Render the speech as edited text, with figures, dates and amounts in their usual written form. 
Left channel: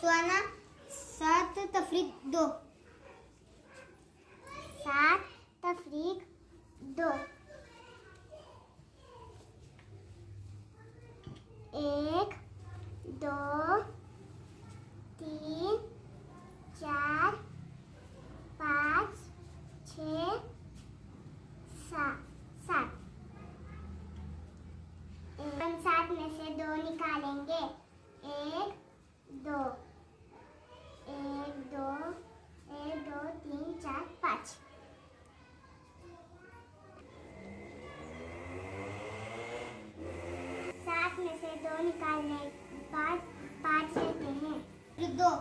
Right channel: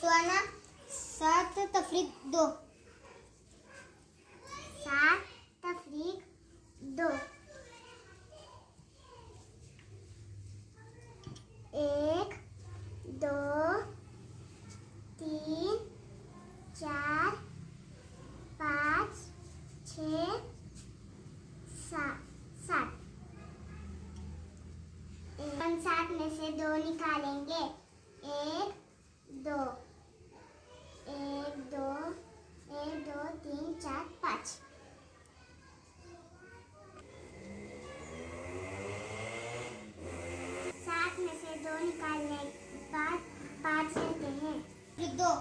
सुहाना 7 तफरीक 2। 7 तफरीक 2। 1 2 3 4 5 6 7। हम 7 में से 2 निकालेंगे। 1 2 1 2 1 2 3 4 5। 7 में से 2 निकालने के बाद 5 लेते हैं। 2